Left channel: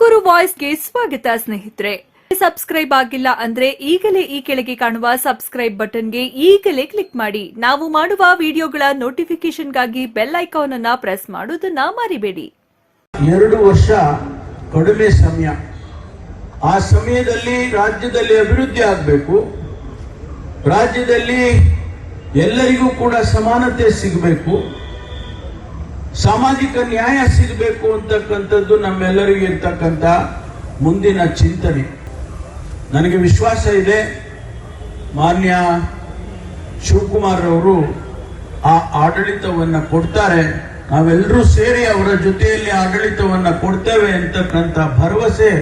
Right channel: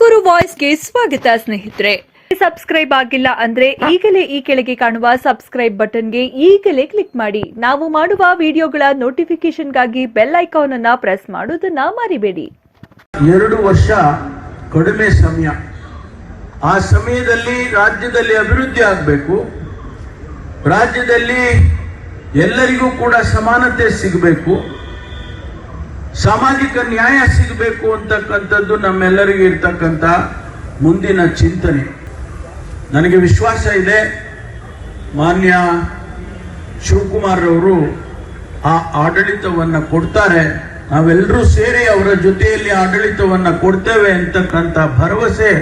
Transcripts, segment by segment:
ತುಮಕೂರು ವಾಯ್ಸ್ಗೆ ಸ್ವಾಗತ ಸ್ನೇಹಿತರೆ. ಸಬ್ಸ್ಕ್ರೈಬ್ ಆಗಿಲ್ಲ ಅಂದ್ರೆ ಈಗಲೇ ಈ ಕೆಳಗೆ ಕಾಣುವ ಸಬ್ಸ್ಕ್ರೈಬ್ ಬಟನ್ಗೆ ಈಗಲೇ ಕ್ಲಿಕ್ ಮಾಡಿ. ನಾವು ಮಾಡುವ ವಿಡಿಯೋಗಳ ನೋಟಿಫಿಕೇಶನ್ಗಾಗಿ ಬೆಲ್ ಐಕಾನ್ ಅನ್ನು ಪ್ರೆಸ್ ಮಾಡೋದನ್ನ ಮರಿಬೇಡಿ. 2 ವರ್ಷ ಕಡಿಮೆ ಸಮಯ. ಆ ಸಮಯದಲ್ಲಿ ರಾಜ್ಯದಲ್ಲಿ ಅಭಿವೃದ್ಧಿ ಆಗಬೇಕು, ರಾಜ್ಯದಲ್ಲಿ ಎಲ್ಲರಿಗೂ ಕೂಡ ಸಮಾನತೆ ಸಿಗಬೇಕು, ಸಾಮಾಜಿಕ ನ್ಯಾಯ ಸಿಗಬೇಕು ಅಂತಕ್ಕಂಥದ್ದು ನಮ್ಮೆಲ್ಲರಿಗೂ ಇರ್ತಕ್ಕಂಥ ಮುಂದಿನ ಚಿಂತನೆ. ನನಗೆ ವಿಶ್ವಾಸ ಇದೆ, ಮಾನ್ಯ ಶಿವಕುಮಾರ್ ಅವರು ಆ ಆಡಳಿತವನ್ನು ಕೊಡ್ತಾರೆ, ನಾವೆಲ್ಲರೂ ಸೇರಿ ಅವರ ಜೊತೆಯಲ್ಲಿ ಆಡಳಿತವನ್ನು ಕೊಡ್ತೇವೆ ಅಂತಕ್ಕಂಥ ಭರವಸೆ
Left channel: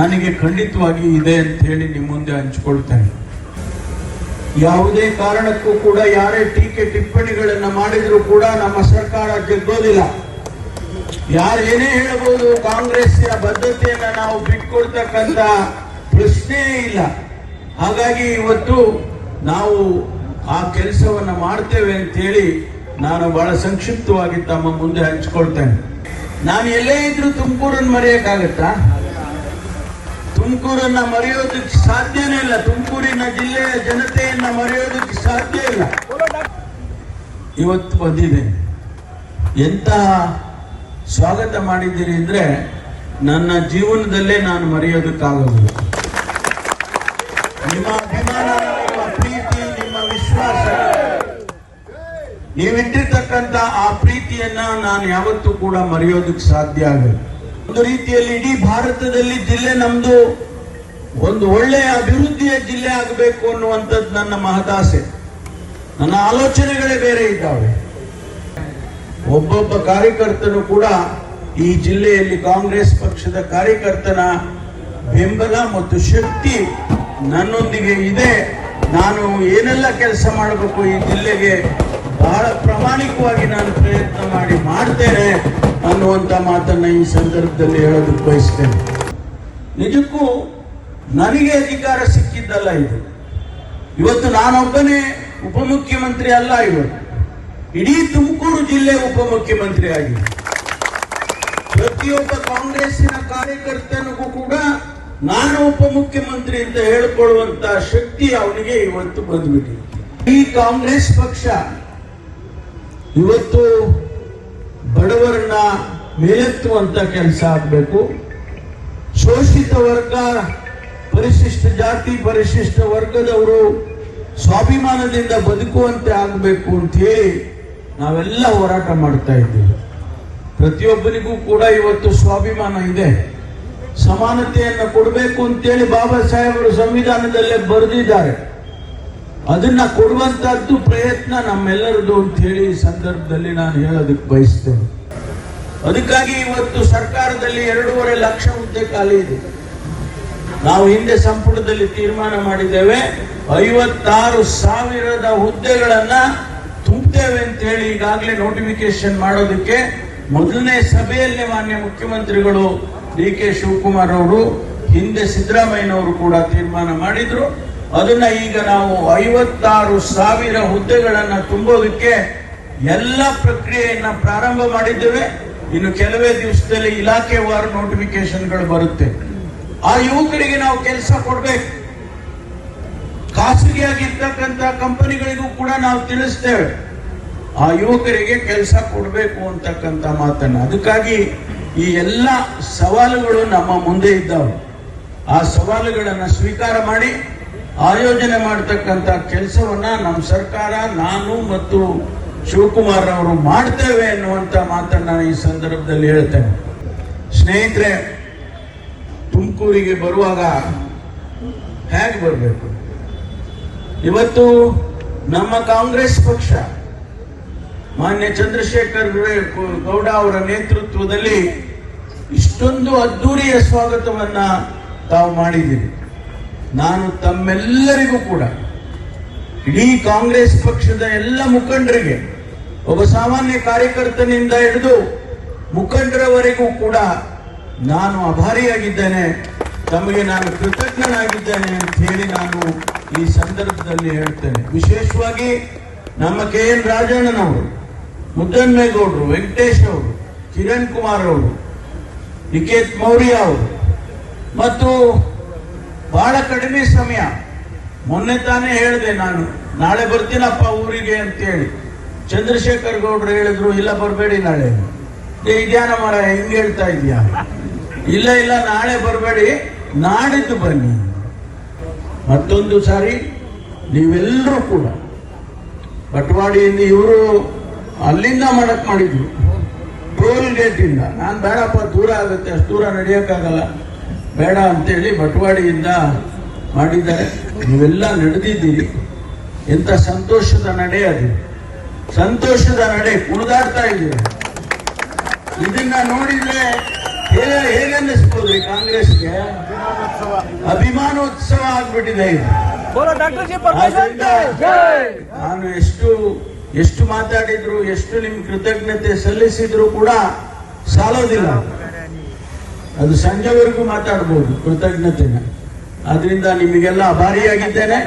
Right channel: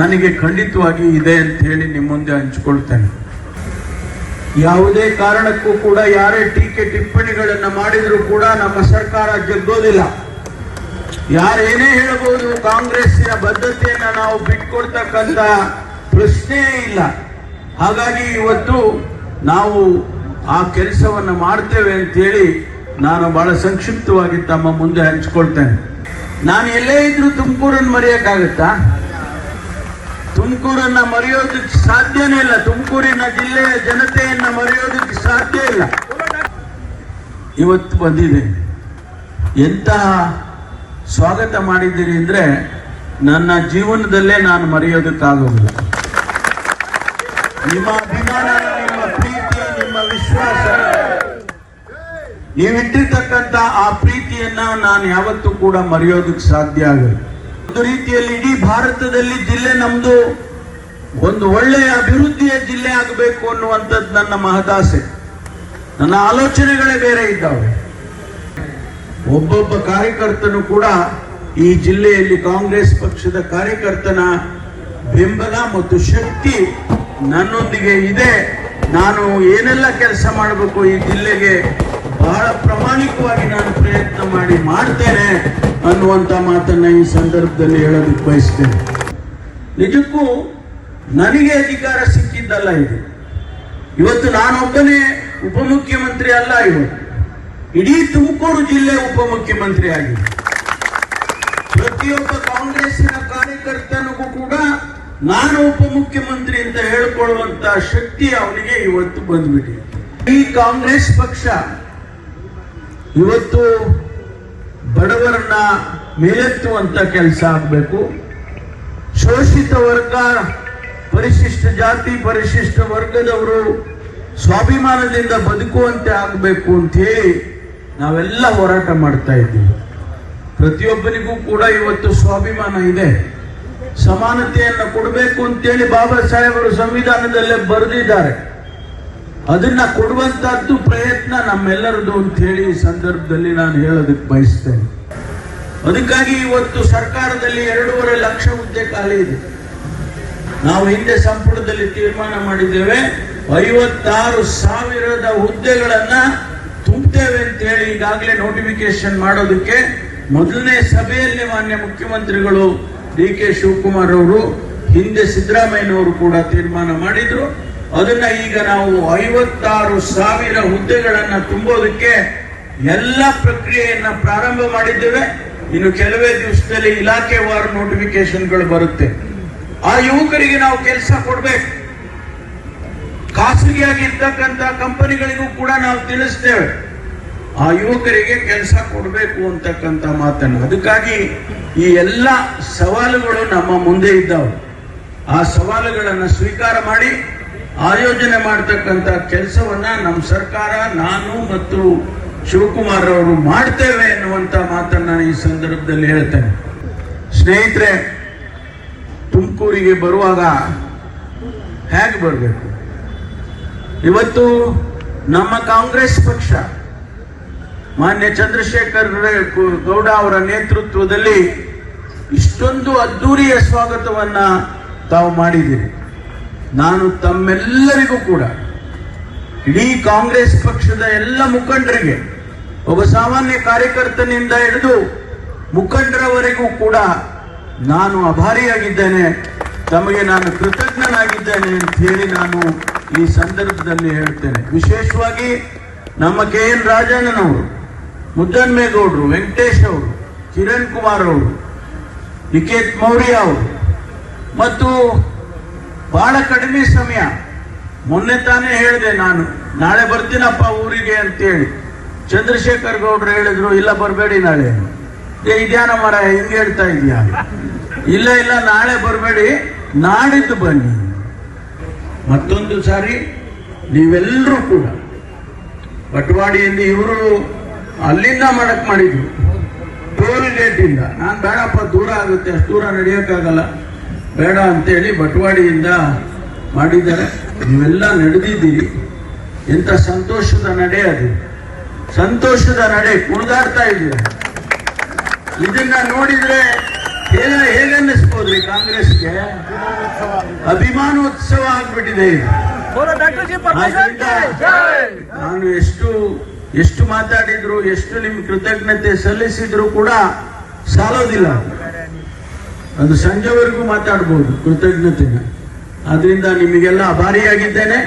ನನಗೆ ಖಂಡಿತವಾಗಿ ಇದೆ ಅಂತ ಹೇಳಿ ನಿಮ್ಮ ಮುಂದೆ ಹಂಚಿಕೊಳ್ತೇನೆ. ಯಾವುದೇ ಕಾರಣಕ್ಕೂ ಕೂಡ ಯಾರೇ ಟೀಕೆ ಟಿಪ್ಪಣಿಗಳನ್ನು ಮಾಡಿದ್ರು ಕೂಡ ನಮ್ಮ ಸರ್ಕಾರ ಜಗ್ಗೋದಿಲ್ಲ. ಯಾರೇನೇ ಹೇಳಬಹುದು, ಕಾಂಗ್ರೆಸ್ಸಿನ ಬದ್ಧತೆಯನ್ನ ನಾವು ಬಿಟ್ಕೊಡ್ತಕ್ಕಂಥ ಪ್ರಶ್ನೆಯೇ ಇಲ್ಲ. ಹಾಗಾಗಿ ಇವತ್ತು ನಾವು ಆ ಕೆಲಸವನ್ನು ಮಾಡ್ತೇವೆ ಅಂತ ಹೇಳಿ ನಾನು ಬಹಳ ಸಂಕ್ಷಿಪ್ತವಾಗಿ ತಮ್ಮ ಮುಂದೆ ಹಂಚಿಕೊಳ್ತೇನೆ. ನಾನು ಎಲ್ಲೇ ಇದ್ರೂ ತುಮಕೂರನ್ನು ಮರೆಯಕ್ಕಾಗತ್ತಾ? ತುಮಕೂರನ್ನ ಮರೆಯೋದಕ್ಕೆ ಸಾಧ್ಯನೇ ಇಲ್ಲ. ತುಮಕೂರಿನ ಜಿಲ್ಲೆಯ ಜನತೆಯನ್ನ ಮರೆಯೋದಕ್ಕೆ ಸಾಧ್ಯ ಇಲ್ಲ. ಇವತ್ತು ಬಂದಿದೆ, ಎಂತಹ ಸ್ವಾಗತ ಮಾಡಿದ್ದೀರಿ ಅಂದ್ರೆ ನನ್ನ ಜೀವನದಲ್ಲೇ ನಾನು ಮರೆಯೋದಕ್ಕಾಗೋದಿಲ್ಲ. ನಿಮ್ಮ ಅಭಿಮಾನ, ನಿಮ್ಮ ಪ್ರೀತಿ, ನಿಮ್ಮ ವಿಶ್ವಾಸ, ನೀವಿಟ್ಟಿರ್ತಕ್ಕಂಥ ಆ ಪ್ರೀತಿಯನ್ನ ನಾನು ಯಾವತ್ತೂ ಕೂಡ ಮರೆಯೋದಕ್ಕೆ ಸಾಧ್ಯ ಆಗಲ್ಲ. ಒಂದು ರೀತಿಯಲ್ಲಿ ಇಡೀ ಭಾರತದಲ್ಲಿ ಜಿಲ್ಲೆ ನಮ್ದು ಒಂದು ಒಳ್ಳೆಯ ಅಭಿವೃದ್ಧಿಯ ಜಿಲ್ಲೆ ಆಗಬೇಕು ಅನ್ನುವಂಥದ್ದು ನನ್ನ ಮಹದಾಸೆ. ನನ್ನ ಆಲೋಚನೆಗಳೇ ಬೇರೆ ಇದ್ದಾವೆ. ಒಬ್ಬೊಬ್ಬ ಕಾರ್ಯಕರ್ತನು ಕೂಡ ಈ ಜಿಲ್ಲೆಯಲ್ಲಿ ಕಾಂಗ್ರೆಸ್ ಪಕ್ಷದ ಕಾರ್ಯಕರ್ತನ ಬೆಂಬಲ ಮತ್ತು ಶಕ್ತಿ ನನ್ನೊಂದಿಗೆ ಇದೆ. ನಾನು ಏನೆಲ್ಲ ಕೆಲಸ ಮಾಡಬೇಕು ಈ ಜಿಲ್ಲೆಗೆ ಬಹಳ ಪ್ರಾಮಾಣಿಕವಾಗಿ ನಾನು ಪ್ರಯತ್ನ ಮಾಡ್ತೇನೆ ಅನ್ನುವಂಥ ಮಾತನ್ನ ಈ ಸಂದರ್ಭದಲ್ಲಿ ಹೇಳೋದಕ್ಕೆ ಬಯಸ್ತೇನೆ. ನಿಜಕ್ಕೂ ನನಗೆ ಅಧಿಕಾರ ಸಿಕ್ಕಿದ್ದಲ್ಲ ಇದು. ಇವತ್ತು ನಾನೊಬ್ಬನೇ ಉಪಮುಖ್ಯಮಂತ್ರಿ ಅಲ್ಲ, ಇವತ್ತು ಇಡೀ ತುಮಕೂರು ಜಿಲ್ಲೆ ಉಪಮುಖ್ಯಮಂತ್ರಿ ಆಗಿದೆ. ಪ್ರತಿಯೊಬ್ಬ ಕಾಂಗ್ರೆಸ್ಸಿನ ಕಾರ್ಯಕರ್ತನಿಗೂ ಕೂಡ ನಾನು ಉಪಮುಖ್ಯಮಂತ್ರಿ ಅಂತ ಹೇಳಿಕೊಳ್ಳುವಂತ ಶಕ್ತಿ ಅವನಿಗೆ ಇವತ್ತು ಬಂದ್ಬಿಟ್ಟಿದೆ. ಈ ಕಾಂಗ್ರೆಸ್ ಪಕ್ಷ ಇವತ್ತು ಬಡವರನ್ನ ಮೇಲೆತ್ತುವಂತ ಕೆಲಸ ಆಗಬೇಕು. ಶೋಷಿತ ವರ್ಗ, ಪರಿಶಿಷ್ಟ ಜಾತಿ, ಪರಿಶಿಷ್ಟ ವರ್ಗದವರು ಸ್ವಾಭಿಮಾನದಿಂದ ಬದುಕುವಂತೆ ಆಗಬೇಕು ಅಂತ ಹೇಳಿ ನಾವೆಲ್ಲ ಹೋರಾಟ ಮಾಡ್ತಾ ಇದ್ದೀವಿ. ಪ್ರತಿಯೊಬ್ಬರಿಗೂ ಕೂಡ ಇವತ್ತು ಸ್ವಾಭಿಮಾನ ಇದೆ. ಸಮಾನತೆಯನ್ನು ಕೊಡಬೇಕು ಅಂತೇಳಿ ಬಾಬಾ ಸಾಹೇಬರು ಸಂವಿಧಾನದಲ್ಲೇ ಬರೆದಿದ್ದಾರೆ. ಅದನ್ನ ಕೊಡುವಂತದ್ದು ಪ್ರಯತ್ನ ನಮ್ಮೆಲ್ಲರದು ಅಂತ ಹೇಳಿ ಈ ಸಂದರ್ಭದಲ್ಲಿ ನಾನು ಹೇಳೋದಕ್ಕೆ ಬಯಸ್ತೇನೆ. ಅದಕ್ಕಾಗಿ ಇವತ್ತು ಸರ್ಕಾರದಲ್ಲಿ 2.5 ಲಕ್ಷ ಹುದ್ದೆ ಖಾಲಿ ಇದೆ. ನಾವು ಹಿಂದೆ ಸಂಪುಟದಲ್ಲಿ ತೀರ್ಮಾನ ಮಾಡಿದ್ದೇವೆ, 56,000 ಹುದ್ದೆಗಳನ್ನ ತುಂಬುತ್ತೇವೆ ಅಂತ ಹೇಳಿ ಈಗಾಗಲೇ ನೋಟಿಫಿಕೇಶನ್ ಮಾಡೋದಕ್ಕೆ ಮೊದಲನೇ ಸಭೆಯಲ್ಲಿ ಮಾನ್ಯ ಮುಖ್ಯಮಂತ್ರಿಗಳು DK ಶಿವಕುಮಾರ್ ಅವರು, ಹಿಂದೆ ಸಿದ್ದರಾಮಯ್ಯನವರು ಕೂಡ ತೀರ್ಮಾನ ಮಾಡಿದ್ರು. ಅದನ್ನ ಈಗ ನಾವು 56,000 ಹುದ್ದೆಗಳನ್ನ ತುಂಬೋದಕ್ಕೆ ಎಲ್ಲ ಪ್ರಕ್ರಿಯೆಯನ್ನ ಪ್ರಾರಂಭ ಮಾಡಿದ್ದೇವೆ. ಇನ್ನು ಕೆಲವೇ ದಿವಸದಲ್ಲಿ ಇಲಾಖೆವಾರು ನೋಟಿಫಿಕೇಶನ್ಗಳು ಬರುತ್ತೆ. ಆ ಯುವಕರಿಗೆ ನಾವು ಕೆಲಸ ಕೊಡ್ಬೇಕು. ಖಾಸಗಿಯಾಗಿರ್ತಕ್ಕಂಥ ಕಂಪನಿಗಳಿಗೂ ಕೂಡ ನಾವು ತಿಳಿಸ್ತೇವೆ, ಆ ಯುವಕರಿಗೆ ಕೆಲಸ ಕೊಡಬೇಕು ಅಂತಕ್ಕಂಥ ಮಾತನ್ನು. ಅದಕ್ಕಾಗಿ ಈ ಎಲ್ಲ ಸವಾಲುಗಳು ನಮ್ಮ ಮುಂದೆ ಇದ್ದಾವೆ. ಆ ಸವಾಲುಗಳನ್ನು ಸ್ವೀಕಾರ ಮಾಡಿ ಆಯೋಜನೆ ಮಾಡತಕ್ಕಂಥ ಕೆಲಸವನ್ನ ನಮ್ಮ ಸರ್ಕಾರ, ನಾನು ಮತ್ತು ಶಿವಕುಮಾರ್ ಅವರು ಮಾಡ್ತೇವೆ ಎನ್ನುವಂತ ಮಾತನ್ನ ಈ ಸಂದರ್ಭದಲ್ಲಿ ಹೇಳ್ತೇನೆ. ಸ್ನೇಹಿತರೆ, ತುಮಕೂರಿಗೆ ಬರುವಾಗ ಹೇಗೆ ಬರಬೇಕು? ಇವತ್ತು ನಮ್ಮ ಕಾಂಗ್ರೆಸ್ ಪಕ್ಷ ಮಾನ್ಯ ಚಂದ್ರಶೇಖರ್ ಗೌಡ ಅವರ ನೇತೃತ್ವದಲ್ಲಿ ಇಷ್ಟೊಂದು ಅದ್ದೂರಿಯ ಸ್ವಾಗತವನ್ನ ತಾವು ಮಾಡಿದ್ದೀರಿ. ನಾನು ತಮ್ಮೆಲ್ಲರಿಗೂ ಕೂಡ, ಇಡೀ ಕಾಂಗ್ರೆಸ್ ಪಕ್ಷದ ಎಲ್ಲ ಮುಖಂಡರಿಗೆ, ಒಬ್ಬ ಸಾಮಾನ್ಯ ಕಾರ್ಯಕರ್ತನಿಂದ ಹಿಡಿದು ಮುಖಂಡರವರೆಗೂ ಕೂಡ ನಾನು ಆಭಾರಿಯಾಗಿದ್ದೇನೆ. ತಮಗೆ ನಾನು ಕೃತಜ್ಞನಾಗಿದ್ದೇನೆ ಅಂತ ಹೇಳಿ ನಾನು ಈ ಸಂದರ್ಭದಲ್ಲಿ ಹೇಳ್ತೇನೆ. ವಿಶೇಷವಾಗಿ ನಮ್ಮ KN ರಾಜಣ್ಣನವರು, ಮುದ್ದನ್ಮೇಗೌಡರು, ವೆಂಕಟೇಶ್ ಅವರು, ಕಿರಣ್ ಕುಮಾರ್ ಅವರು, ನಿಕೇತ್ ಮೌರ್ಯ ಅವರು ಮತ್ತು ಬಹಳ ಕಡಿಮೆ ಸಮಯ, ಮೊನ್ನೆ ತಾನೇ ಹೇಳಿದೆ ನಾನು ನಾಳೆ ಬರ್ತೀನಪ್ಪ ಊರಿಗೆ ಅಂತೇಳಿ. ಚಂದ್ರಶೇಖರ್ ಗೌಡ್ರು ಹೇಳಿದ್ರು ಇಲ್ಲ ಬರಬೇಡಿ ನಾಳೆ. ಇದ್ಯಾನ ಮರ ಹಿಂಗೆ ಹೇಳ್ತಾ ಇದೀಯ? ಇಲ್ಲ ಇಲ್ಲ ನಾಳೆ ಬರಬೇಡಿ, ನಾಡಿದ್ದು ಬನ್ನಿ. ಮತ್ತೊಂದು ಸಾರಿ ನೀವೆಲ್ಲರೂ ಕೂಡ ಬಟವಾಡಿಯಿಂದ ಇವರು ಅಲ್ಲಿಂದ ಮಾಡಕ್ ಮಾಡಿದ್ರು, ಟೋಲ್ ಗೇಟ್ ಇಂದ. ನಾನು ಬೇಡಪ್ಪ ದೂರ ಆಗುತ್ತೆ, ಅಷ್ಟು ದೂರ ನಡೆಯಕ್ಕಾಗಲ್ಲ, ಬೇಡ ಅಂತೇಳಿ ಬಟವಾಡಿಯಿಂದ ಮಾಡಿದ್ದಾರೆ. ನೀವೆಲ್ಲ ನಡೆದಿದ್ದೀರಿ. ಎಂತ ಸಂತೋಷದ ನಡೆ ಅದು, ಸಂತೋಷದ ನಡೆ, ಕುಣಿದಾಡ್ತಾ ಇದ್ದೀರ. ಇದನ್ನ ನೋಡಿದ್ರೆ ಹೇಗನ್ನಿಸ್ಬೋದ್ರಿ? ಕಾಂಗ್ರೆಸ್ಗೆ ಅಭಿಮಾನೋತ್ಸವ ಆಗ್ಬಿಟ್ಟಿದೆ ಇದು. ನಾನು ಎಷ್ಟು ಮಾತಾಡಿದ್ರು, ಎಷ್ಟು ನಿಮ್ ಕೃತಜ್ಞತೆ ಸಲ್ಲಿಸಿದ್ರು ಕೂಡ ಸಾಲೋದಿಲ್ಲ. ಅದು ಸಂಜೆವರೆಗೂ ಮಾತಾಡ್ಬೋದು ಕೃತಜ್ಞತೆನ. ಆದ್ರಿಂದ ನಿಮಗೆಲ್ಲ ಆಭಾರಿಯಾಗಿದ್ದೇನೆ.